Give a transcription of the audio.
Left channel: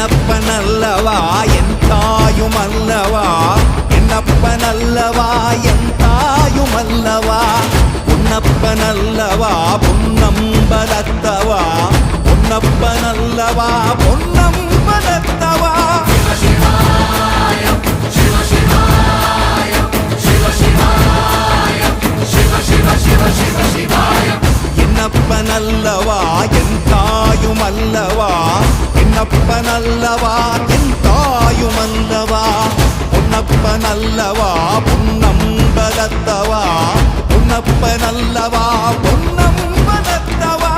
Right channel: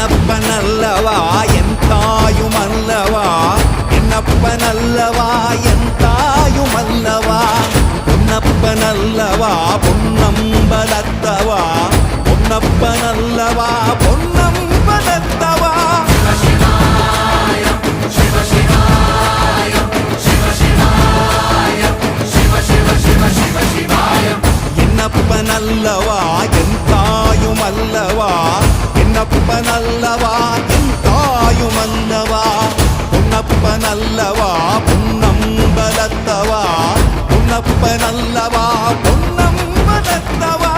என்னப்பனல்லவா என் தாயுமல்லவா, என்னப்பனல்லவா என் தாயுமல்லவா, பொன்னப்பனல்லவா பொன்னம்பலத்தவா, பொன்னப்பனல்லவா பொன்னம்பலத்தவா. என்னப்பனல்லவா என் தாயுமல்லவா, என்னப்பனல்லவா என் தாயுமல்லவா, பொன்னப்பனல்லவா பொன்னம்பலத்தவா, பொன்னப்பனல்லவா பொன்னம்பலத்தவா.